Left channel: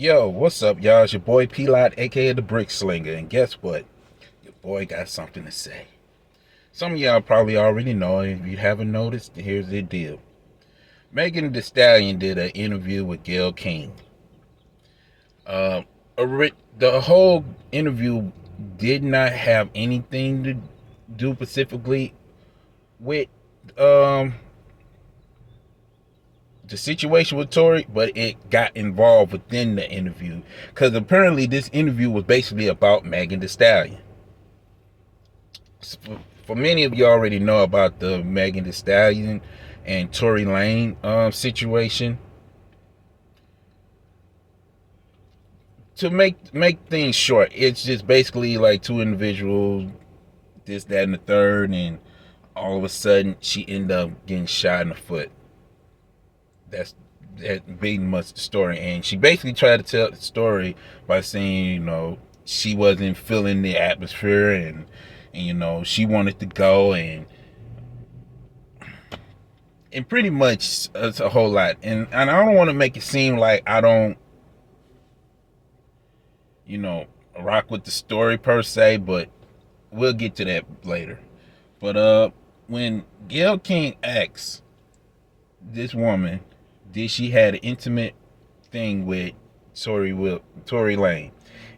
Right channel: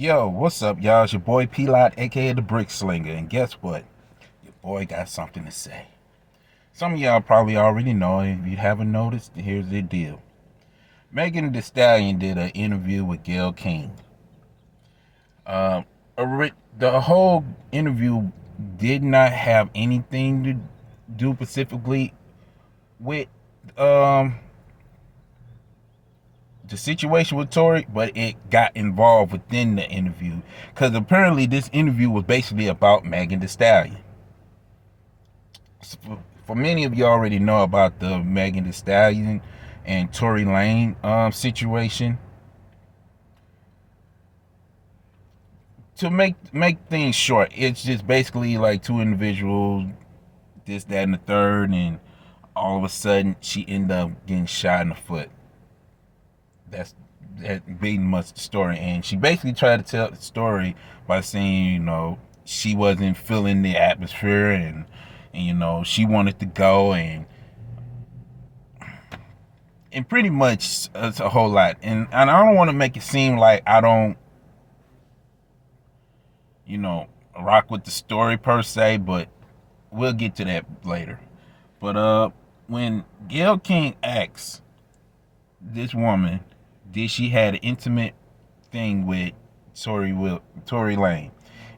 Yo, what's up, y'all? It's your boy P-Lot, aka the Brick Slinger, and guess what? Your boy got something to say. Some of y'all probably already know, and if you haven't noticed, here's the deal. Megan Thee Stallion did an interview with Gayle King. Uh, the whole interview did not have anything to do specifically with um the situation with Tory, but it got involved within the interview because apparently this interview was basically about Megan Thee Stallion. For many of you already know about the Megan Thee Stallion and Tory Lane situation. To make things short, it's just basically like two individuals, this, that, and the third, and all of a sudden she ended up getting shot in the foot. That's that being much the story, and she basically tried to tell the story by saying, she wasn't feeling the atmosphere, and she wanted to go, and pretty much it's a whole lot, and I don't want to make it seem like I don't rock with the story per se, but we'll get to that later. But when Gayle King asks this woman, did she had an intimate thing with Tory Lane,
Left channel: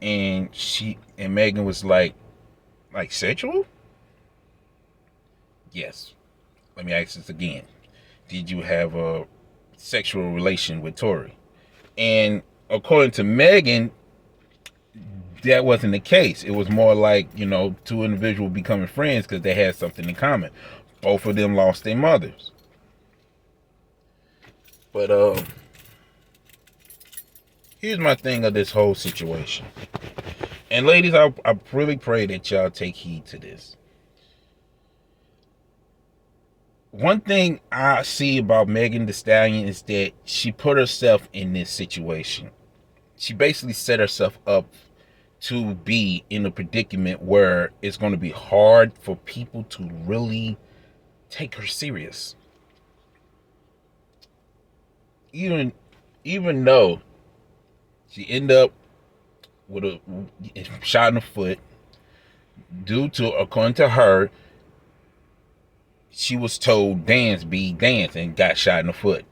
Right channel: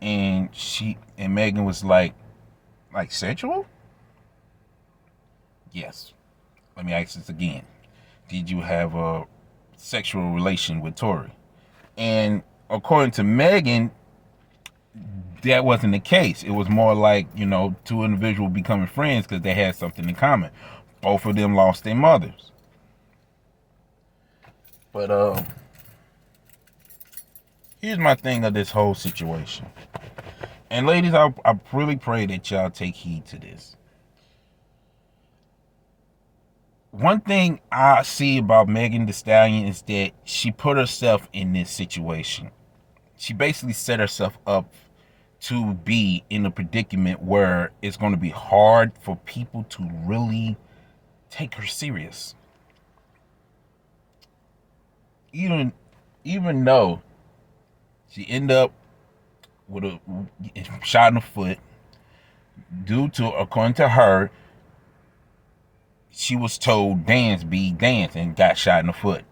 and Megan was like sexual? Yes. Let me ask this again. Did you have a sexual relation with Tory? And according to Megan, that wasn't the case. It was more like, two individuals becoming friends because they had something in common. Both of them lost their mothers. But here's my thing of this whole situation. And ladies, I really pray that y'all take heed to this. One thing I see about Megan Thee Stallion is that she put herself in this situation. She basically set herself up to be in a predicament where it's going to be hard for people to really take her serious. Even though she ended up with a shot in the foot due to, according to her, she was told dance, and got shot in the foot.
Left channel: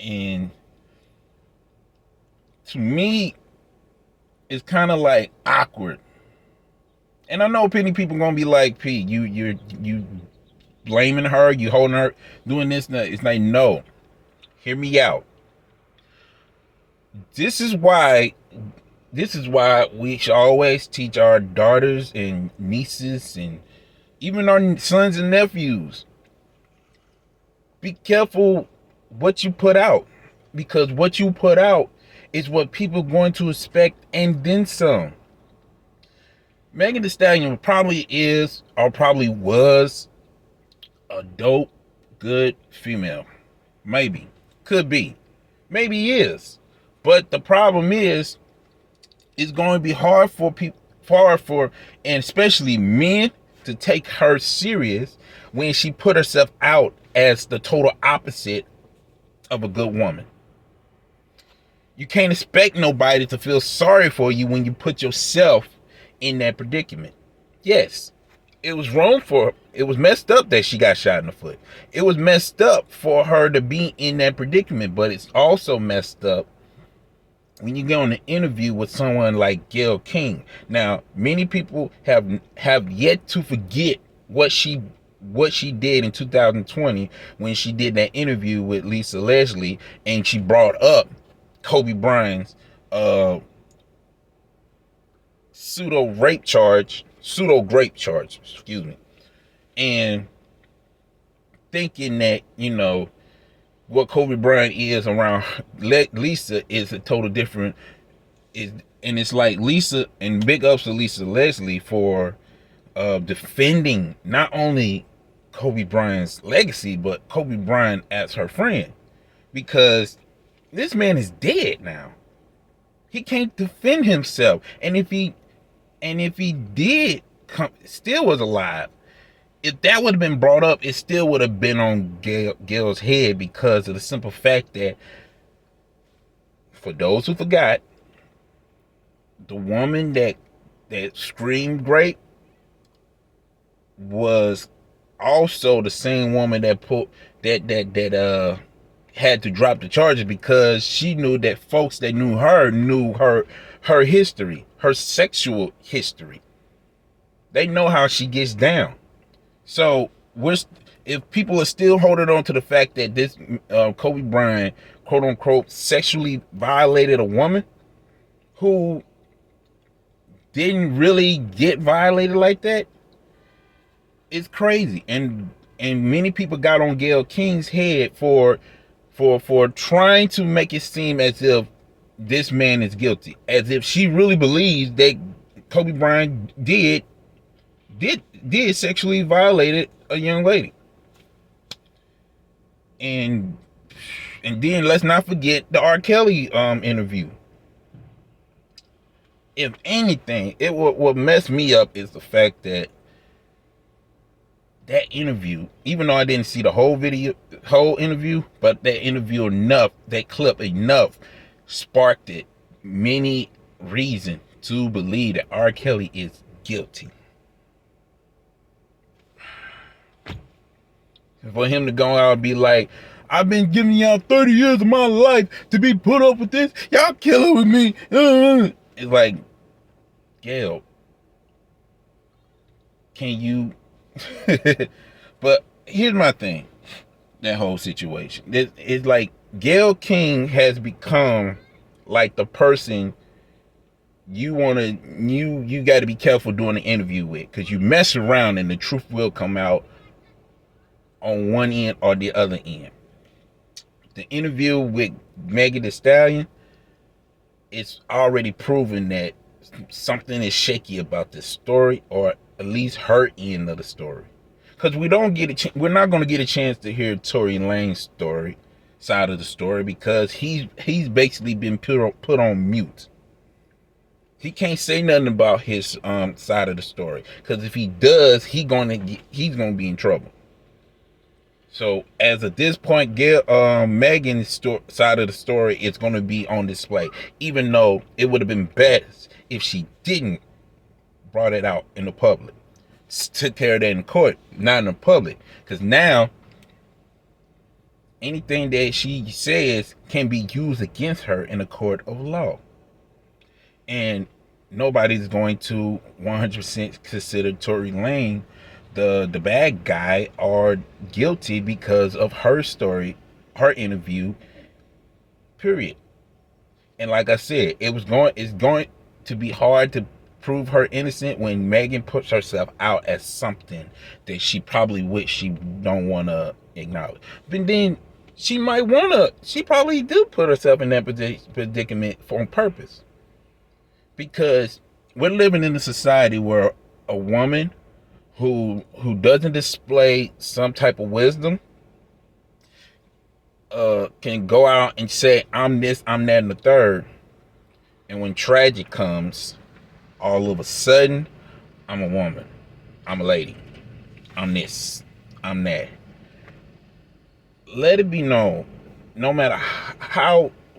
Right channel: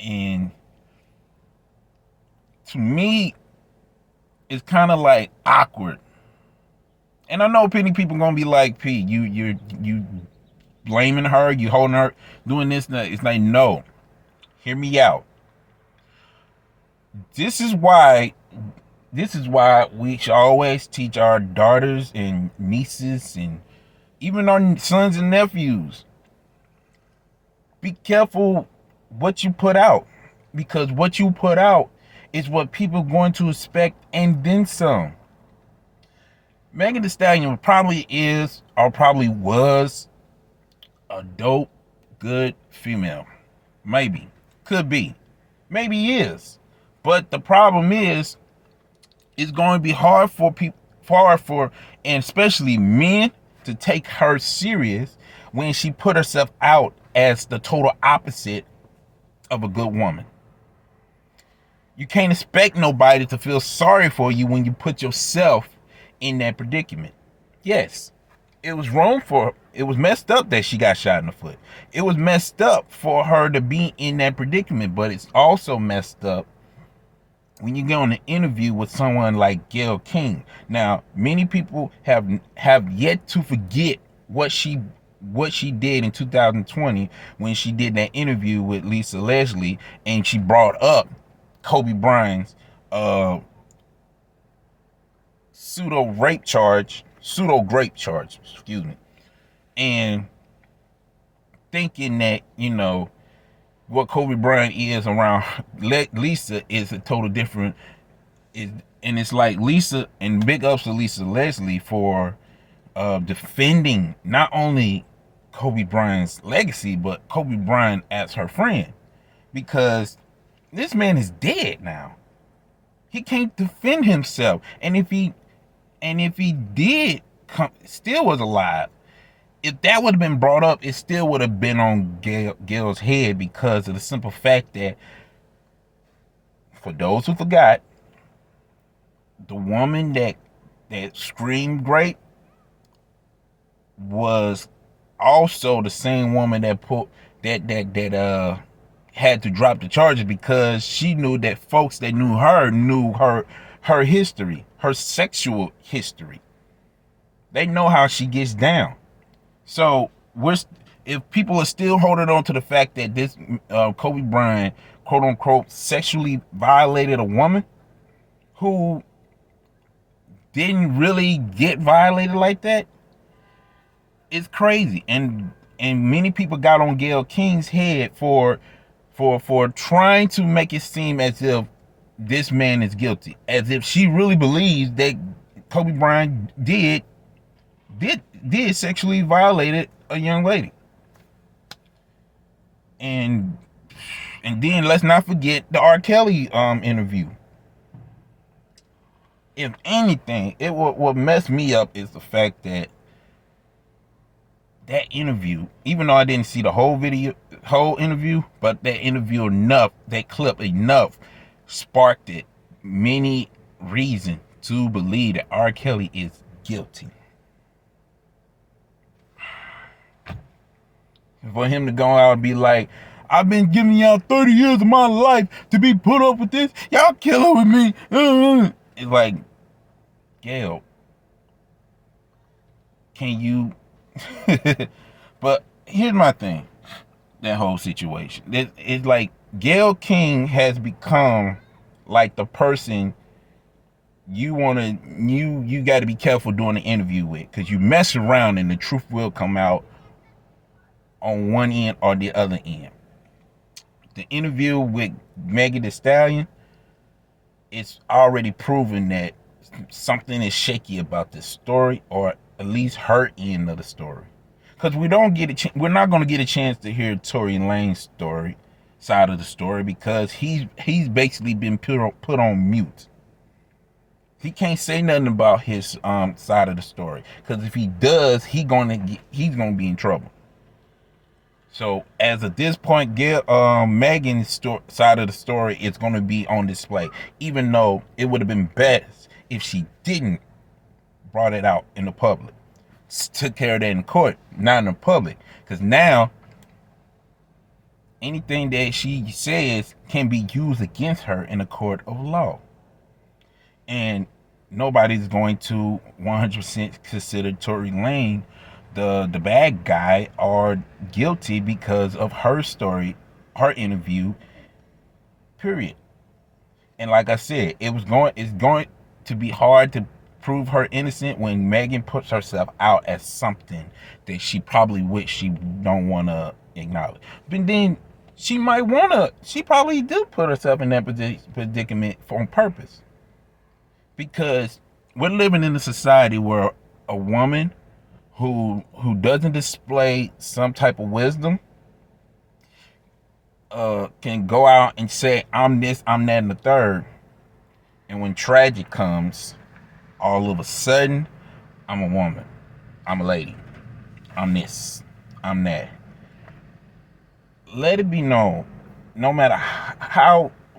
And to me, it's kind of like awkward. And I know many people gonna be like, P, you blaming her, you holding her, doing this. It's like, no, hear me out. This is why we should always teach our daughters and nieces and even our sons and nephews, be careful what you put out, because what you put out is what people are going to expect and then some. Megan Thee Stallion probably is or probably was a dope, good female. Maybe. Could be. Maybe is. But the problem is, it's going to be hard for people, and especially men, to take her serious when she put herself out as the total opposite of a good woman. You can't expect nobody to feel sorry for you when you put yourself in that predicament. Yes, it was messed up that she got shot in the foot. It was messed up for her to be in that predicament, but it's also messed up when you get on an interview with someone like Gayle King. Now, many people have yet to forget what she did in 2020 when she did that interview with Lisa Leslie, and she brought up Kobe Bryant's pseudo grape charge, excuse me, and thinking that what Kobe Bryant is around Lisa is a total different. And it's like Lisa, and big ups to Lisa Leslie for defending not only Kobe Bryant's legacy, but Kobe Bryant as her friend, because this man is dead now. He can't defend himself, and if he did still was alive, if that would have been brought up, it still would have been on Gayle's head, because of the simple fact that For those who forgot, the woman that screamed grape was also the same woman that put that had to drop the charges because she knew that folks that knew her history, her sexual history. They know how she gets down. So if people are still holding on to the fact that this Kobe Bryant, quote unquote, sexually violated a woman who didn't really get violated like that, it's crazy. And many people got on Gayle King's head for trying to make it seem as if this man is guilty, as if she really believes that Kobe Bryant did sexually violated a young lady. And then let's not forget the R. Kelly interview. If anything, what messed me up is the fact that interview, even though I didn't see the whole interview, but that clip enough sparked it many reasons to believe that R. Kelly is guilty. For him to go out and be like, I've been giving y'all 30 years of my life to be put up with this. Y'all killing with me. It's like, Gayle, can you... But here's my thing. That whole situation. It's like Gayle King has become like the person you got to be careful doing an interview with, because you mess around and the truth will come out on one end or the other end. The interview with Megan Thee Stallion, it's already proven that something is shaky about this story, or at least her end of the story. Because we're not going to get a chance to hear Tory Lanez's side of the story, because he's basically been put on mute. He can't say nothing about his side of the story, because if he does, he's gonna be in trouble. So as of this point, Megan's side of the story is going to be on display, even though it would have been best if she didn't brought it out in the public, took care of that in court, not in the public, because now anything that she says can be used against her in a court of law. And nobody's going to 100% consider Tory Lanez the bad guy or guilty because of her story, her interview, period. And like I said, it's going to be hard to prove her innocent when Megan puts herself out as something that she probably don't want to acknowledge. But then she probably do put herself in that predicament on purpose. Because we're living in a society where a woman who doesn't display some type of wisdom can go out and say, I'm this, I'm that, and the third. And when tragic comes, all of a sudden, I'm a woman, I'm a lady, I'm this, I'm that. Let it be known, no matter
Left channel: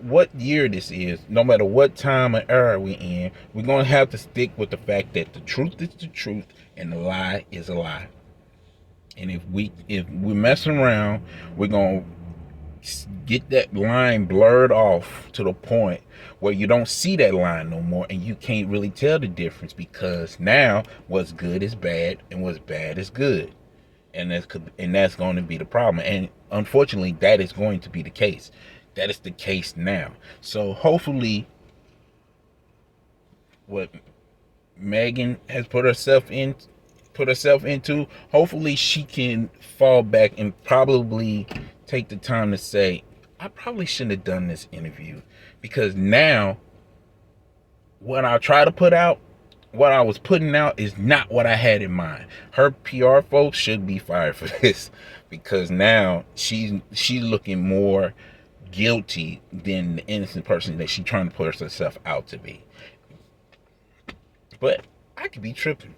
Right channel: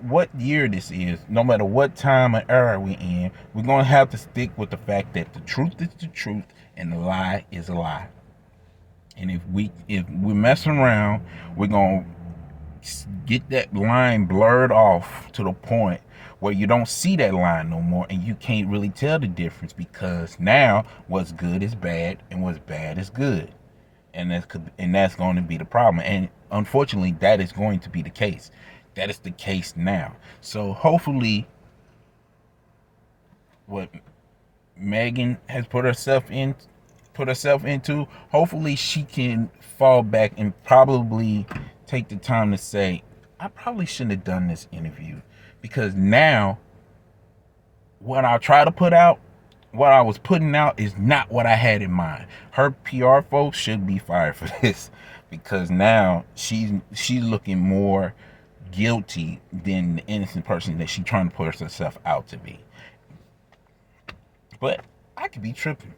what year this is, no matter what time or era we in, we're going to have to stick with the fact that the truth is the truth and the lie is a lie. And if we're messing around, we're going to get that line blurred off to the point where you don't see that line no more, and you can't really tell the difference, because now what's good is bad and what's bad is good. And that's going to be the problem. And unfortunately, that is going to be the case. That is the case now. So hopefully what Megan has put herself into, hopefully she can fall back and probably take the time to say, I probably shouldn't have done this interview, because now what I try to put out, what I was putting out is not what I had in mind. Her PR folks should be fired for this, because now she's looking more guilty than the innocent person that she's trying to put herself out to be. But I could be tripping,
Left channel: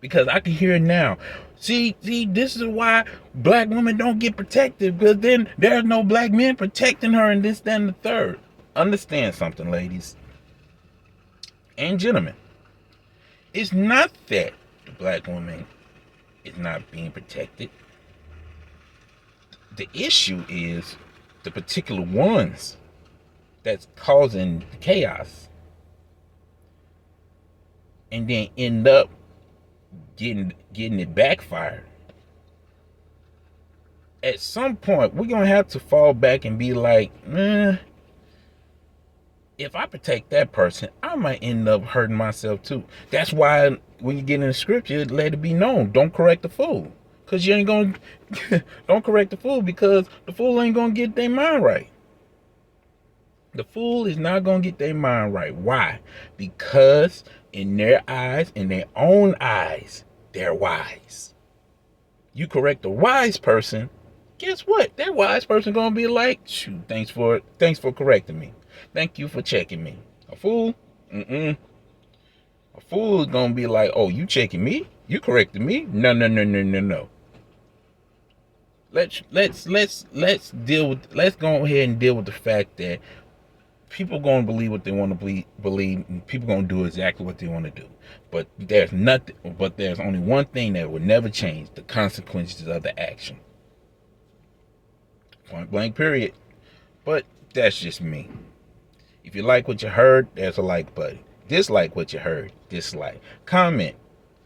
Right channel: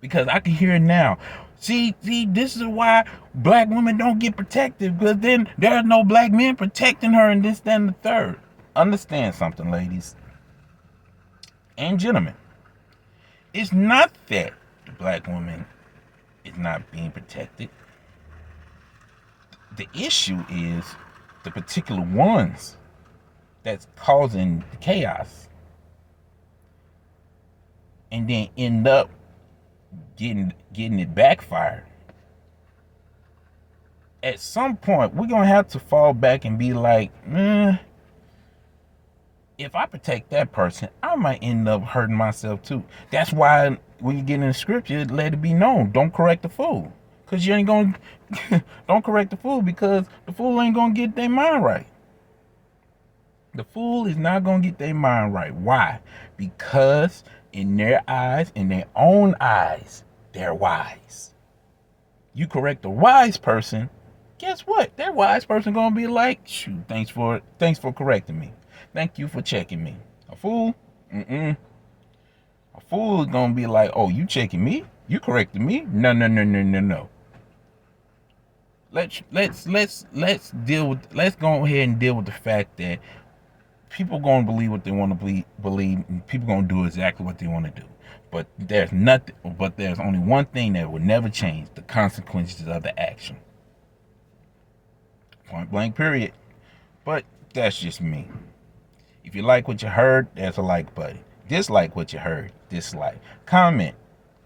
because I can hear it now. See, this is why black women don't get protected, because then there's no black men protecting her, and this, that, and the third. understand something, ladies and gentlemen. It's not that the black woman is not being protected. The issue is the particular ones that's causing the chaos and then end up getting it backfired. At some point, we're gonna have to fall back and be like, if I protect that person, I might end up hurting myself too. That's why when you get in the scripture, let it be known, don't correct the fool. Because you ain't gonna don't correct the fool, because the fool ain't gonna get their mind right. The fool is not gonna get their mind right. Why? Because in their eyes, in their own eyes, they're wise. You correct a wise person, guess what? That wise person gonna be like, shoot, thanks for correcting me. Thank you for checking me. A fool, a fool is gonna be like, oh, you checking me? You correcting me? No. Let's go ahead and deal with the fact that people gonna believe what they want to believe, and people gonna do exactly what they want to do. But there's only one thing that will never change: the consequences of the action. Point blank, period. But that's just me. If you like what you heard, there's a like button. Dislike what you heard, dislike. Comment.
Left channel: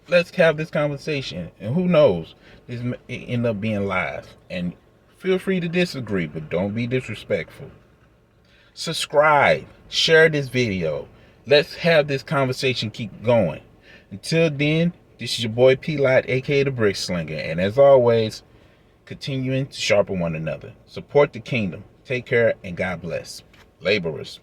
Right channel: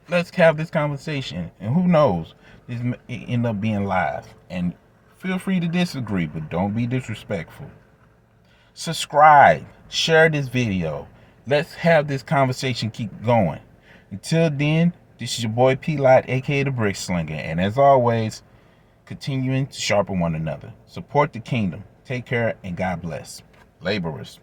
Let's have this conversation. And who knows, this may end up being live. And feel free to disagree, but don't be disrespectful. Subscribe. Share this video. Let's have this conversation keep going. Until then, this is your boy P-Lot, aka the Brick Slinger. And as always, continuing to sharpen one another. Support the kingdom. Take care and God bless. Laborers.